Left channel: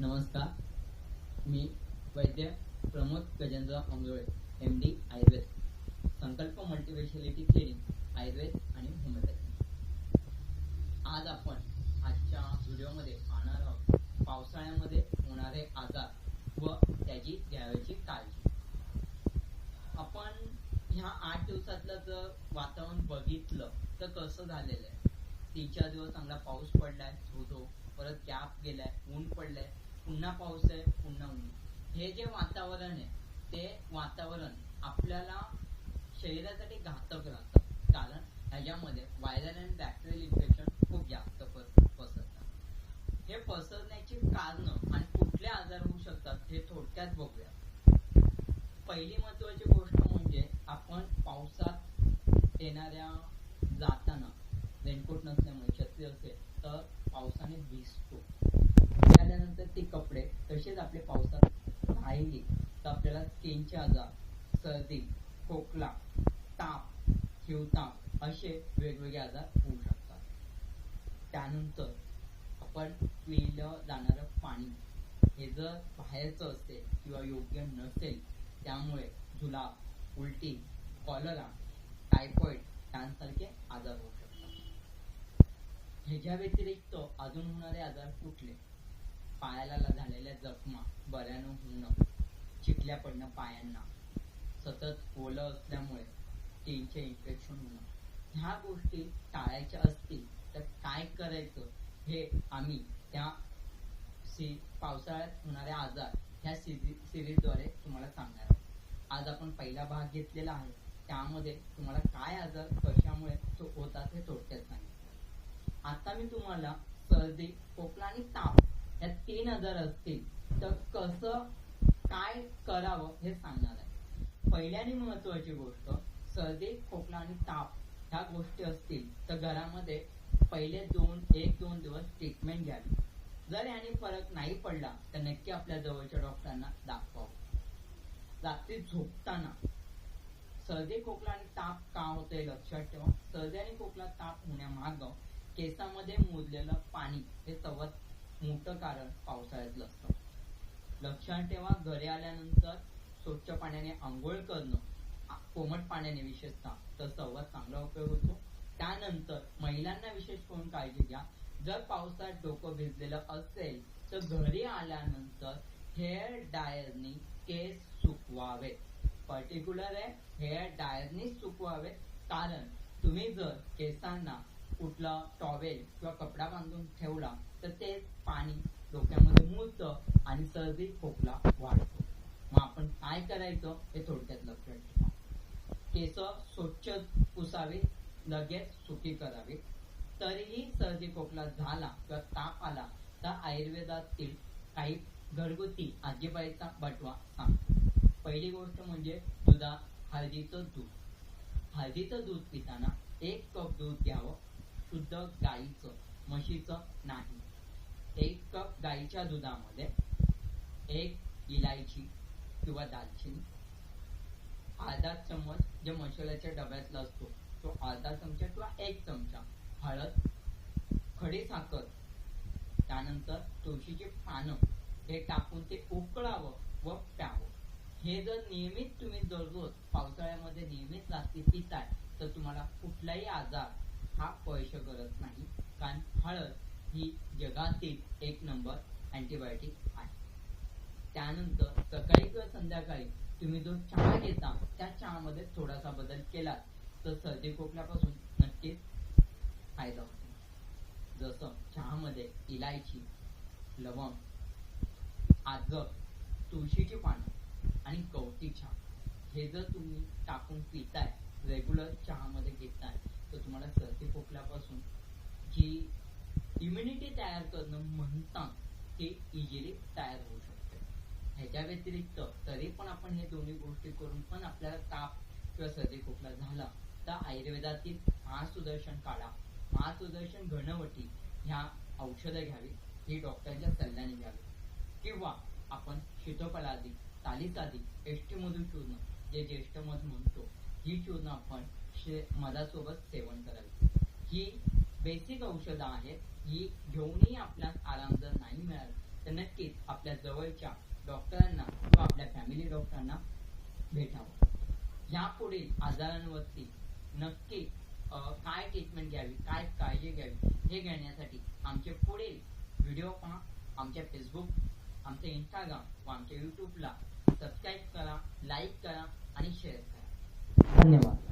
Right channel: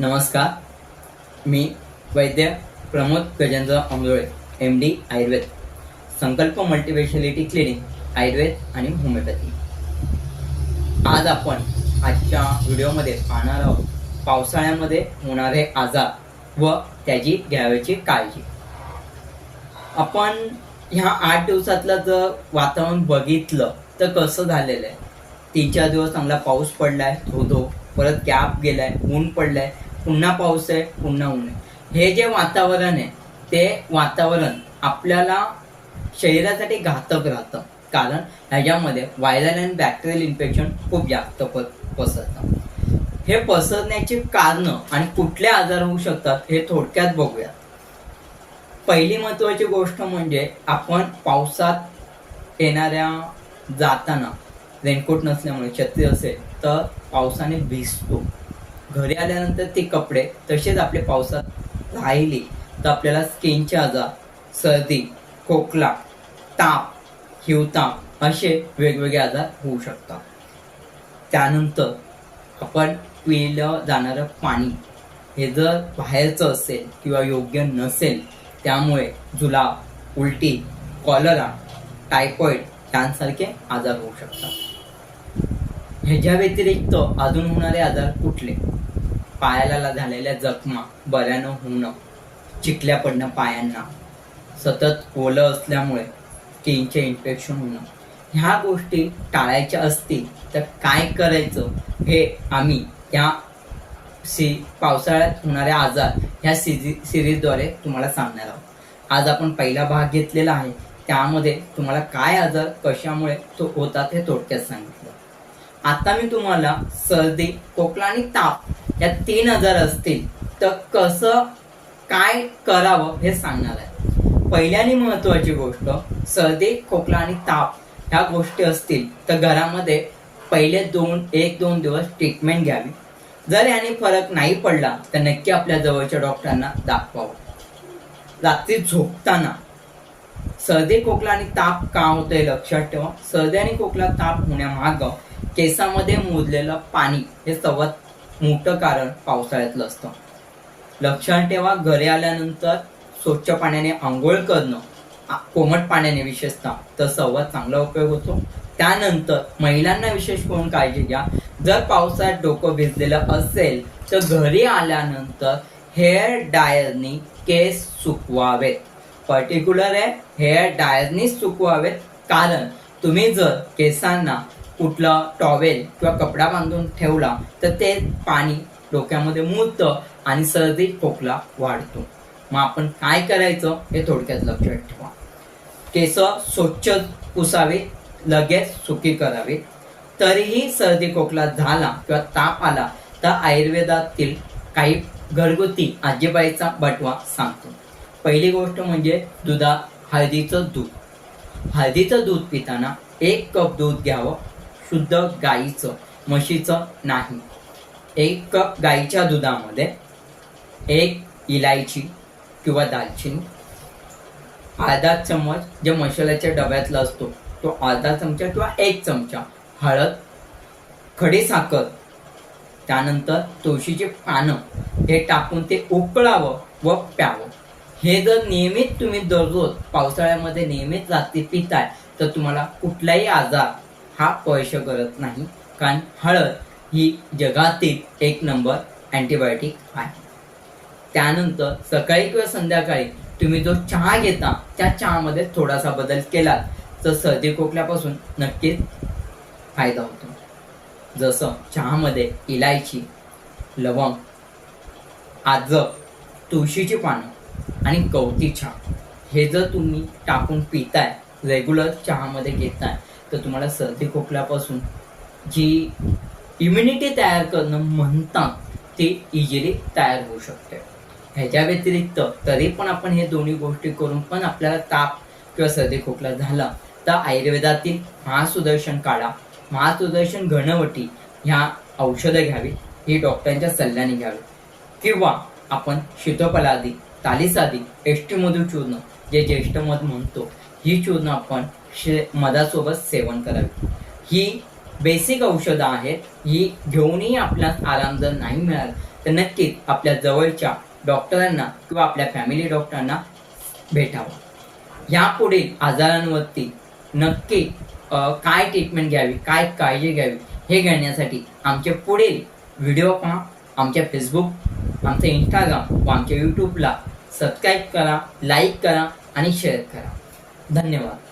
नमस्कार. मी वैद्य प्रमोद गजेंद्र अमरोळे, MD आयुर्वेद, संकल्प multispeciality clinic, Ayurveda आणि होमिओपॅथी. आज आपण आजच्या व्हिडिओमध्ये पाहणार आहोत पावसाळ्यामध्ये होणारे आजार व त्याची घ्यावयाची काळजी. आपण ह्या 8 दिवसातलं जर वातावरण बघितलं तर कसं झालेलं आहे. 3-4 दिवस चांगला पाऊस पडलाय, धो परत गॅप गेलाय, ऊन पडलाय, पुन्हा पाऊस आहे, पुन्हा ऊन आहे. हे जे वातावरण आहे ते वातावरण आपल्याला शरीरासाठी घातक राहतं, कारण ह्याच्यामध्ये व्हायरल आणि बॅक्टेरियल इन्फेक्शन खूप जास्त पसरतं. हे पसरण्याची कारणं आणि कुठले आजार होऊ शकतात हे थोडक्यात बघूया. पहिली महत्वाची गोष्ट म्हणजे आपण पावसात जाताना रेनकोट नसल्यामुळे, छत्री असेल तर पावसाने भिजतो. घरी आल्यानंतर ते कपडे तसेच आपले पावसात राहिले तर आपल्याला स्किनचे आजार, सर्दी, खोकला, ताप, हिवताप असे वेगवेगळे आजार होऊ शकतात. त्यानंतर आपण पिलं जाणारं पाणी हे जर बाहेरचं असेल किंवा योग्य नसेल, त्यामुळे जुलाब, उलटी, कॉलरा, टायफॉइड यांसारखे आजार होऊ शकतात. ह्याच्या व्यतिरिक्त अजून होणारे आजार कुठले? पायाला झालेल्या जखमा बऱ्या न होणं, चिखल्या पडणं पायांना, सतत ओलं असल्यामुळे स्किनचे इन्फेक्शन होणं, ह्या गोष्टी टाळायच्या असतील तर काय करायचं हे आम्ही या पावसाळ्यात होणारे आजार ह्या सिरीजद्वारे तुम्हाला सांगणार आहोत. आज आपण पहिला भाग घेतलेला आहे, त्यामध्ये तुम्हाला काय आजार कशामुळे तो होतात हे थोडक्यात सांगितलं. आता मी तुम्हाला सर्दी, खोकला आणि ताप या 3 आजार असतील तर कसं काय करावं हे सांगणार आहे. पहिल्याने महत्वाची गोष्ट, सर्दी, खोकला आणि ताप ह्या गोष्टी असतील तर घरामध्ये पहिले 1-2 दिवस ट्रीटमेंट घ्यावी. जर याने फरक नाही पडला तर नक्की आपल्या जवळच्या डॉक्टरांना दाखवावं. रात्री झोपताना सर्दी, खोकला आणि ताप का होतंय लक्षात ठेवा. सर्दी आणि खोकला, ताप होण्यामागं केसामध्ये मुरलेलं पाणी हे सर्वात मोठं कारण पावसाळ्यातलं असतं. लक्षात ठेवा, घरी आल्यानंतर स्वच्छ पाण्याने आंघोळ करणं, कोमट पाण्याने विशेषतः, तर सर्वात चांगला उपयोग होतो. त्यानंतर महिलांना विशेष करून काळजी घ्या. जर पावसाळ्यात डोकं भिजलेलं असेल तर घरी आल्यानंतर हेअर ड्रायरनी केस सुकवावेत. पर्टिक्युलर आहे, हेअर ड्रायरनी सुकवावेत, कारण तुम्ही जर केसांना कुठला टॉवेल किंवा कपडा बांधून ठेवला तर ते पाणी डोक्यामध्ये मुरतं आणि सर्दी, खोकला वाढतो. मग आपण काय करायचं हे थोडक्यात लक्षात ठेवा. केस स्वच्छ पुसावे, लगेच सुकी करावे. तरीही सर्दी, खोकला झाला किंवा ताप आला तर आयुर्वेदातील काही घरगुती आजीबाईचा बटवा सांगतो. पहिली गोष्ट म्हणजे हळदीचं दूध. हळदीचं दूध पिताना 1 कप दूध घ्यावं, शुद्ध गाईचं, म्हशीचं नाही. 1 कप गाईच्या दुधामध्ये 1 इलायची किंवा दालचिनी, अर्धा चम्मच जे मसाल्याच्या डब्यातला असतो तो अर्धा चमचा किंवा 1 चमचा हळद, खडी साखर, त्यानंतर तुळशीची पानं हे टाकून ते उकळावं व प्यावं. हे जर नियमित तुम्ही दररोज पावसाळ्यामध्ये नियमित रात्री पिताय तर तुम्हाला कुठलाही आजार हा स्पर्श करत नाही, कारण हळद ही जगातील 1 नंबर अँटीबायोटिक आहे. त्यानंतर सकाळी किंवा संध्याकाळी तुम्ही जो चहा घेता त्या चहामध्ये थोडासा बदल केला तर सर्दी, खोकल्यापासून नक्कीच फायदा होतो. जसं चहामध्ये इलायची, लवंग, अद्रक, तुळशीची पानं आणि गवती चहा हे जर तुम्ही टाकून पिताय, रेग्युलर चहामध्ये घेताय, तर तुम्हाला सर्दी, खोकल्यापासून जी इम्युनिटी तयार करणं म्हणतात ती इझिली तयार होऊ शकते. ह्याच्या व्यतिरिक्त तरी पण आपण हे दोन्ही गोष्टी करून पण आपल्याला ताप किंवा सर्दी, खोकला झाला तर आयुर्वेदातील महासुदर्शन काढा, महासुदर्शन घनवटी ह्या औषधं घ्यावी. ही डॉक्टरांच्या सल्ल्याने घ्यावी. किंवा आपण शीतोपलादी, तालीसादी, एष्टीमधू चूर्ण जे ज्येष्ठ मध म्हणतो, ही चूर्ण आपण मधासोबत सेवन करावी. ही बेसिक औषधं आहेत. ही घेऊनही आपल्याला आराम जर नाही मिळाला तर नक्कीच आपल्या जवळच्या डॉक्टरांना किंवा आपल्या फॅमिली डॉक्टरांना भेटावं. यापुढील आजारांवरती नक्की काय ट्रीटमेंट घ्यावी, काय काळजी घ्यावी हे घेण्यासाठी आमचे पुढील व्हिडिओ पहा. आमच्या फेसबुक, आमचं इंस्टाग्राम व आमच्या यूट्यूबला सबस्क्राईब करा, लाईक करा आणि शेअर करा. धन्यवाद.